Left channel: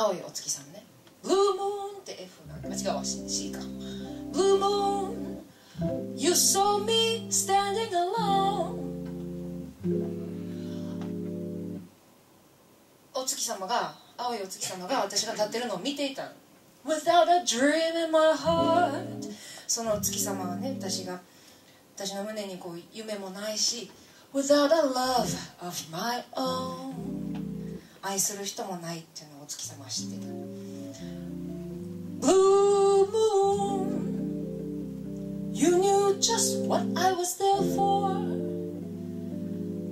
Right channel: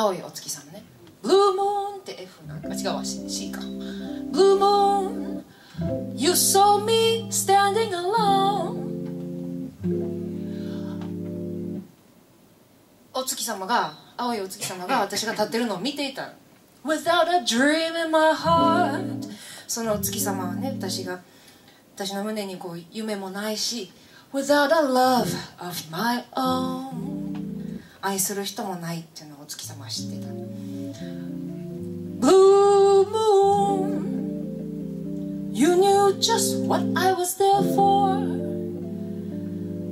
青いお月さんね。ブルームーンって F なんか違うわ、 C か。ブルームーン You saw me standing alone。 お月様が、青いお月様が私が立ってるのを見ていた。 Without a dream in my heart。 そのお月様がね、私の胸にこう夢もないし、 Without a love of my own。 愛する人もないっていうのをお月様は知ってた。 Blue moon You knew just what I was there for。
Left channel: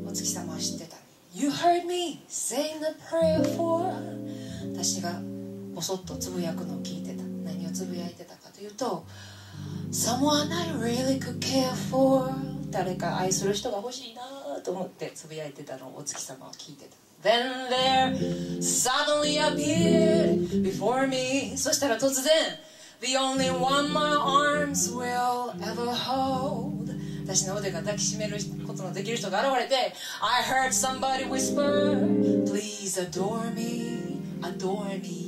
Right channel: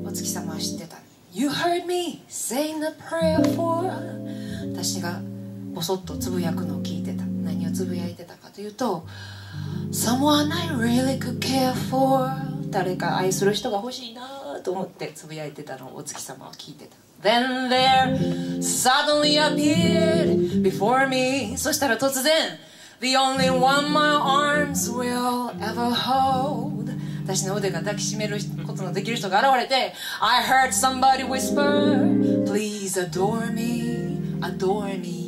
お月様は知ってた。 You heard me saying a prayer for。 私がボソッとつぶやくのを聞いてた。何をつぶやいてたかというと、 Someone I really could care for。 誰か愛する人が欲しいなと思ってつぶやいてたのをお月様は聞いてた。 Then there suddenly appeared before me。 そしたら突然 The only one my arms will ever hold。 私の腕が抱きしめることのできる人が現れて、 I heard somebody whisper Please adore me adore me。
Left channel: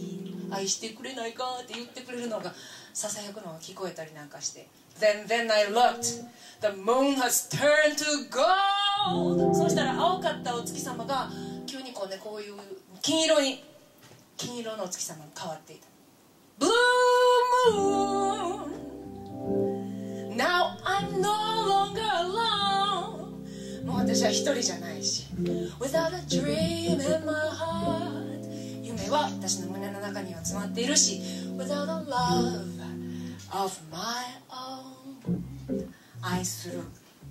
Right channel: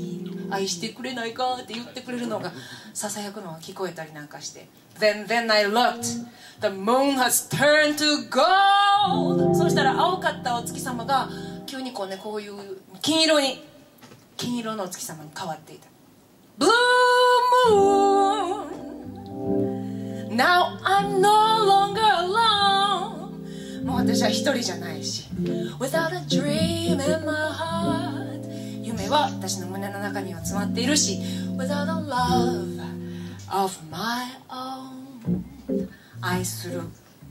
愛してくれないかって言ってくれるのがささやくのが聞こえたりなんかして、 Then I looked The moon has turned to gold。 そうしたら青かったお月様が急にこうね、こういう金色のお月様に変わっていた。 Blue moon Now I'm no longer alone。 もう私は一人じゃないし、 Without a dream in my heart。 夢は私の胸の中には詰まっているし、 Without a love of my own。 愛する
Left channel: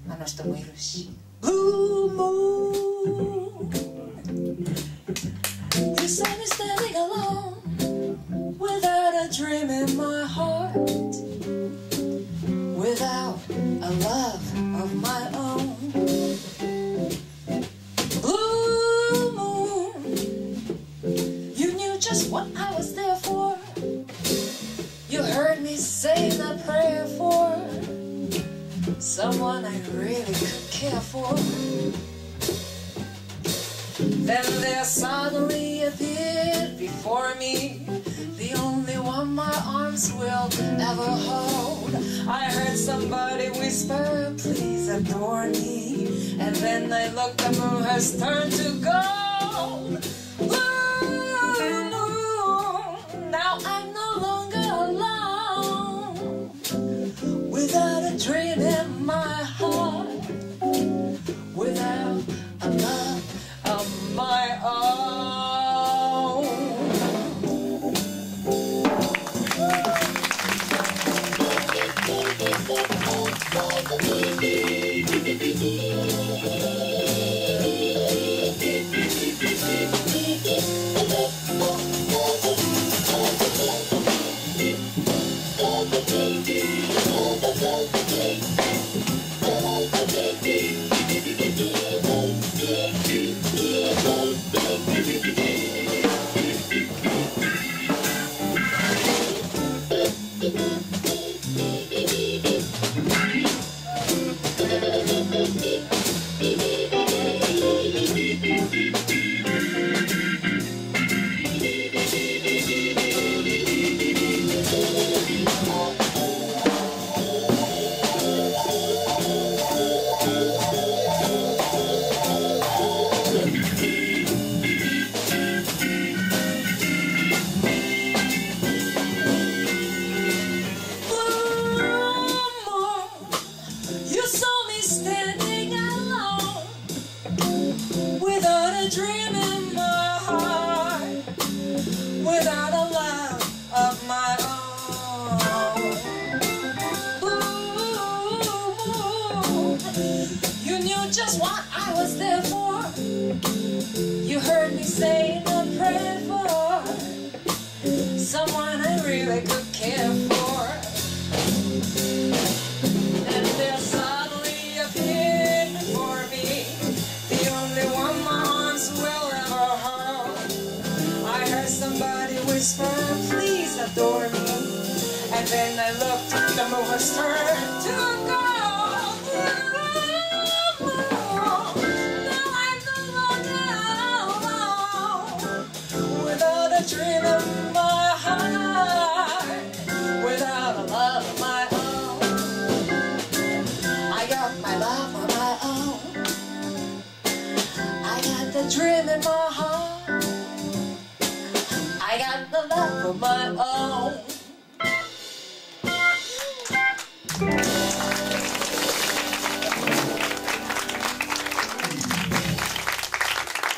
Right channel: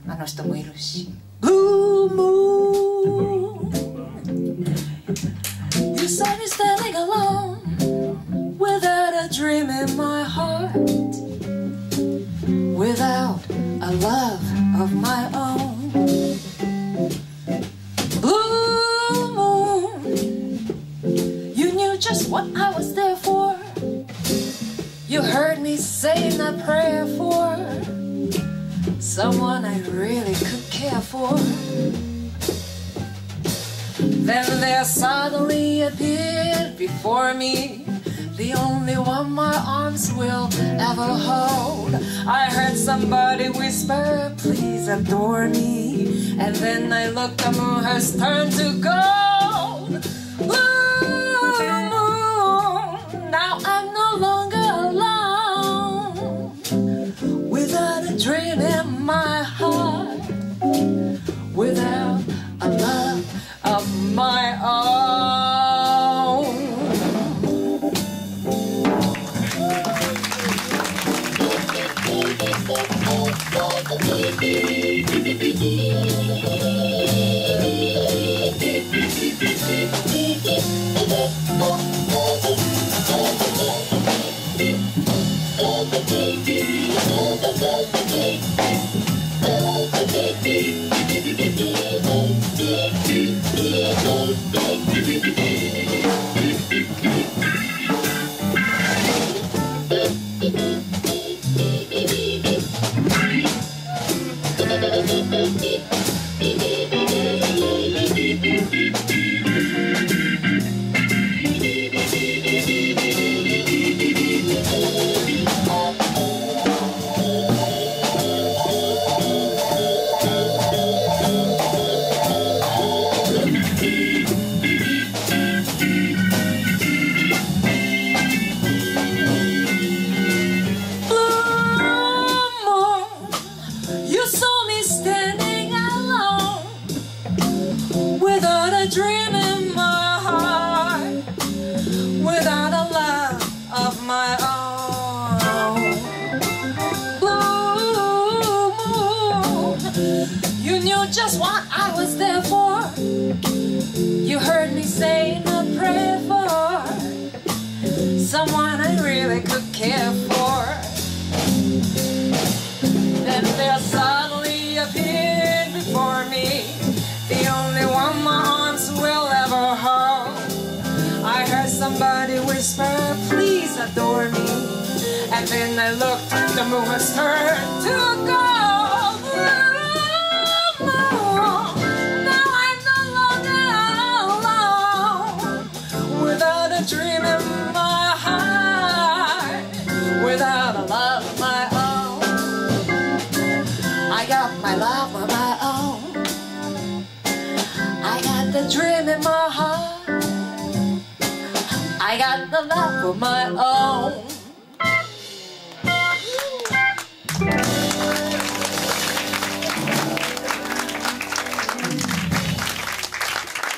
あの人もいるし、 Blue moon You saw me standing alone Without a dream in my heart Without a love of my own。 Blue moon You knew just what I was there for。 You heard me saying a prayer for someone I really could care for。 Then there suddenly appeared before me the only one my arms will ever hold。 I heard somebody whisper Please adore me। And then I looked, the moon has turned to gold。 Blue moon Now I'm no longer alone Without a dream in my heart Without a love of my own。 You knew just what I was there for. You heard me say a prayer for someone I really could care for. Then there suddenly appeared before me the only one my arms will ever hold. I heard somebody whisper, please adore me. And then I looked, the moon was turned to gold. Now I'm no longer alone without a dream in dream in my heart. I got the love of my